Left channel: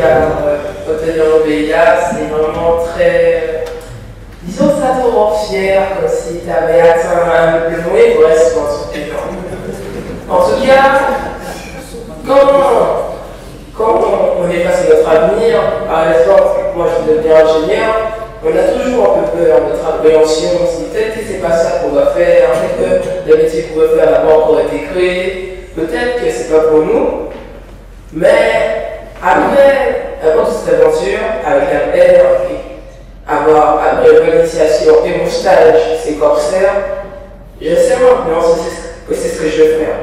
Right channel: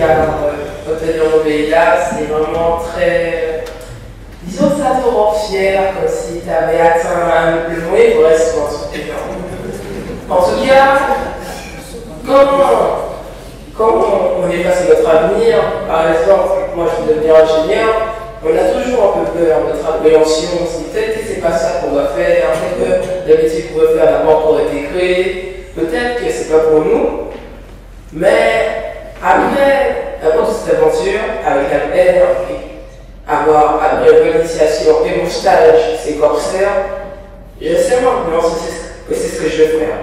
car obtenir le VIA, c'est vraiment très, disons, ça te rend fier, comme si tu avais atteint le moyen correspond sur tes gens. En tout cas, quand on est passé notre avenir, par exemple, moi je suis devenu ingénieur, on a toujours un peu peur, notre appréhension, si peut-être que c'est pas ça qu'on va faire, peut-être que le métier qu'on veut faire à la banque aurait été créé, peut-être que c'est pas pour nous, mais avant toute cette aventure, avec la peine, après une initiation et mon stage, c'est corsaire, je sais maintenant que c'est ce que je veux faire.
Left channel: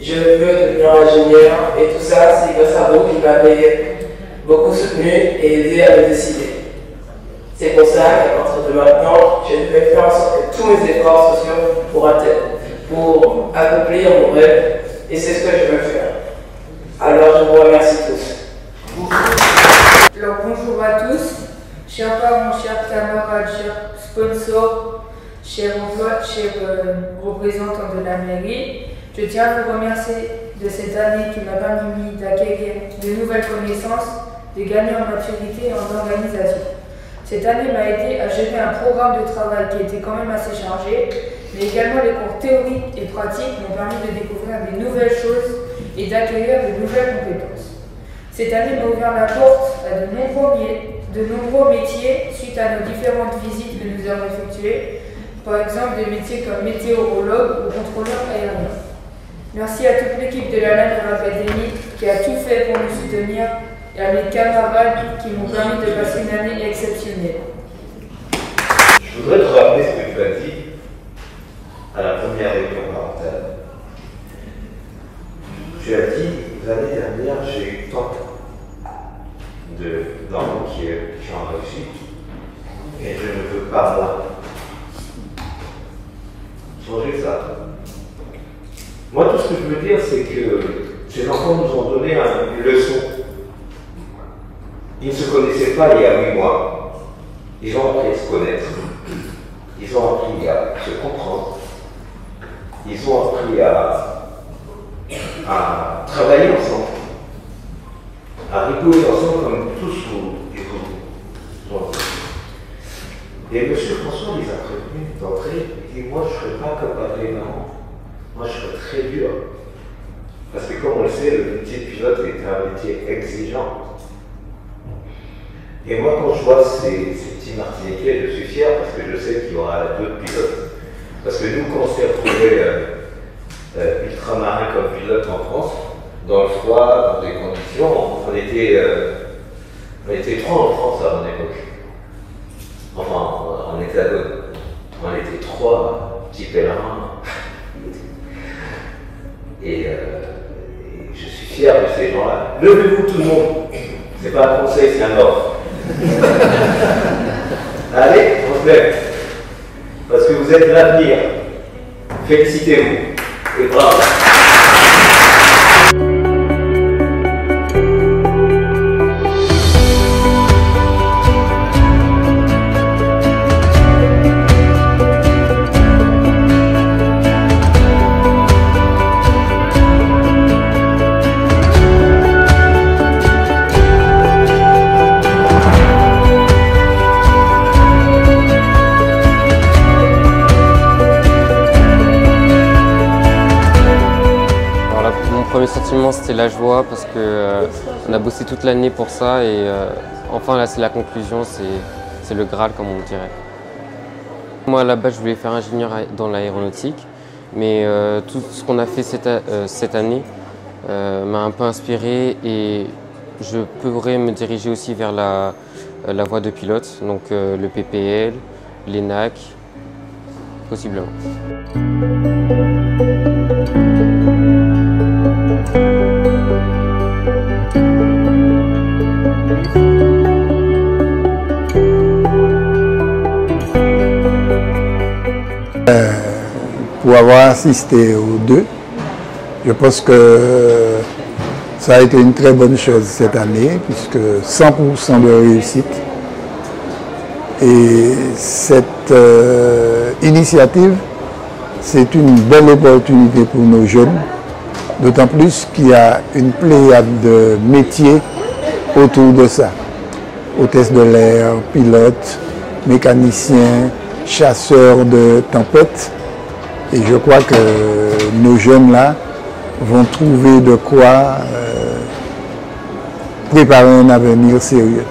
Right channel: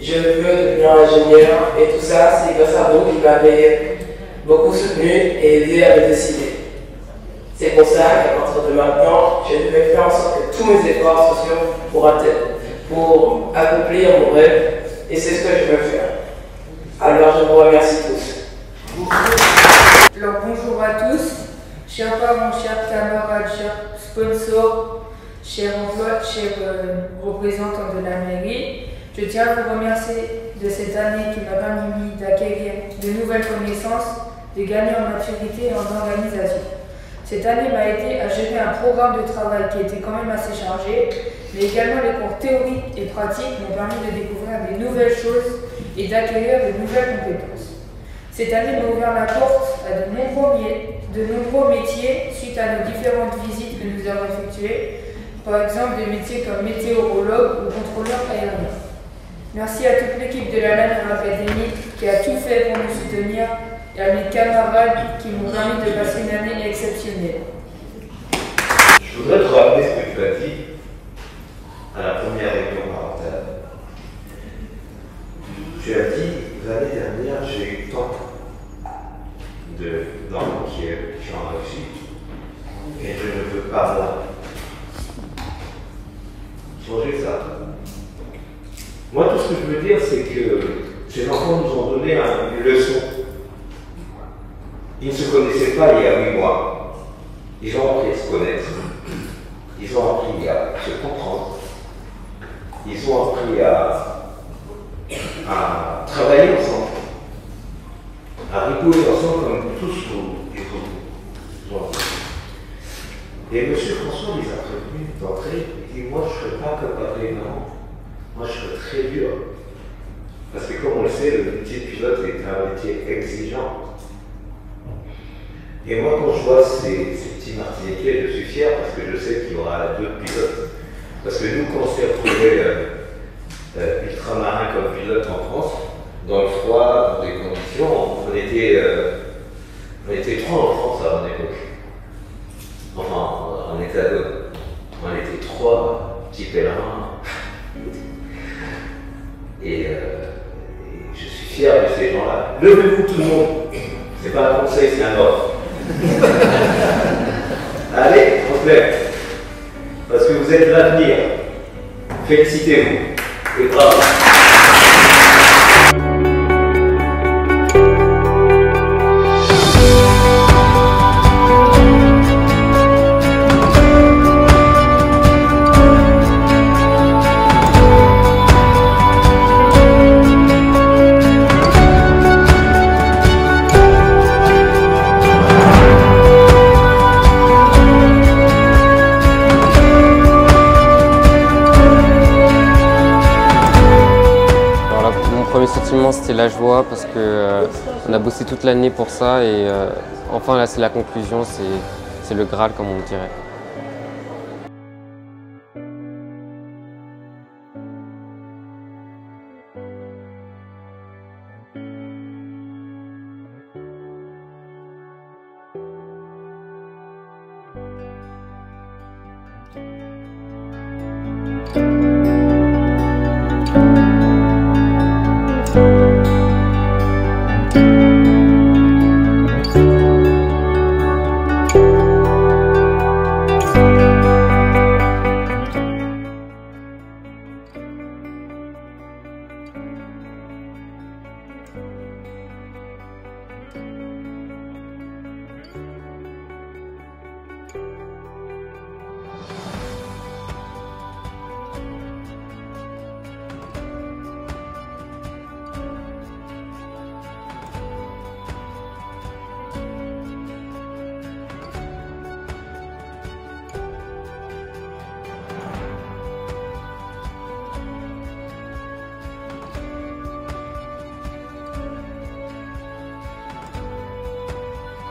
Je veux devenir ingénieur et tout ça, c'est grâce à vous qui m'avez beaucoup soutenu et aidé à me décider. C'est pour ça qu'à partir de maintenant, je vais faire en sorte que tous mes efforts sociaux pour accomplir mon rêve, et c'est ce que je veux faire. Alors je vous remercie tous. Alors bonjour à tous, chers parents, chers camarades, chers sponsors, chers emplois, chers représentants de la mairie. Je tiens à vous remercier de cette année qui m'a permis d'acquérir de nouvelles connaissances, de gagner en maturité et en organisation. Cette année m'a aidé à gérer un programme de travail qui était quand même assez chargé, mais également les cours théoriques et pratiques m'ont permis de découvrir de nouvelles choses et d'acquérir de nouvelles compétences. Cette année m'a ouvert la porte à de nombreux métiers suite à nos différentes visites que nous avons effectuées, par exemple des métiers comme météorologue ou contrôleur aérien. Merci à toute l'équipe de la LANER Academy qui a tout fait pour nous soutenir et à mes camarades qui m'ont permis de passer une année exceptionnelle. Je voudrais te rappeler ce que tu as dit à la première réunion parentale. Tu as dit, l'année dernière, j'ai eu tant d'enfants qui ont réussi et je ne veux pas là. Changer ça. Moi, tout ce que je veux dire, c'est que ces enfants nous ont donné une leçon. Ils ne se connaissaient pas il y a 8 mois. Ils ont appris à se connaître. Ils ont appris à se comprendre. Ils ont appris à travailler ensemble, à rigoler ensemble comme tous vous. Et M. François les a prévenus d'entrée. Il dit, moi je ne serai pas comme papa et maman. Moi je serai très dur. Parce que comme on le sait, le métier de pilote est un métier exigeant. Et moi, quand je vois ces petits Martiniquais, je suis fier parce que je sais qu'il y aura d'autres pilotes. Parce que nous, quand on s'est retrouvés ultramarins comme pilotes en France, dans le froid, dans des conditions, on était 3 en France à mon époque. Enfin, en hexagone. On était 3 petits pèlerins. Et je suis fier de ces gens-là. Levez-vous tout le monde. C'est pas un conseil, c'est un ordre. Allez, on se lève. Parce que vous êtes l'avenir. Félicitez-vous. Et bravo. Mon premier sentiment, c'était la joie parce qu'on a bossé toute l'année pour ça et enfin là c'est la conclusion, c'est le Graal comme on dirait. Moi à la base je voulais faire ingénieur dans l'aéronautique, mais tout ce qu'on a fait cette année m'a un peu inspiré et je pourrais me diriger aussi vers la voie de pilote, donc le PPL, l'ENAC, possiblement. Pour avoir assisté aux deux, je pense que ça a été une très bonne chose cette année, puisque 100% de réussite. Et cette initiative, c'est une belle opportunité pour nos jeunes, d'autant plus qu'il y a une pléiade de métiers autour de ça. Hôtesse de l'air, pilote, mécanicien, chasseur de tempêtes. Et je crois que nos jeunes là vont trouver de quoi préparer un avenir sérieux.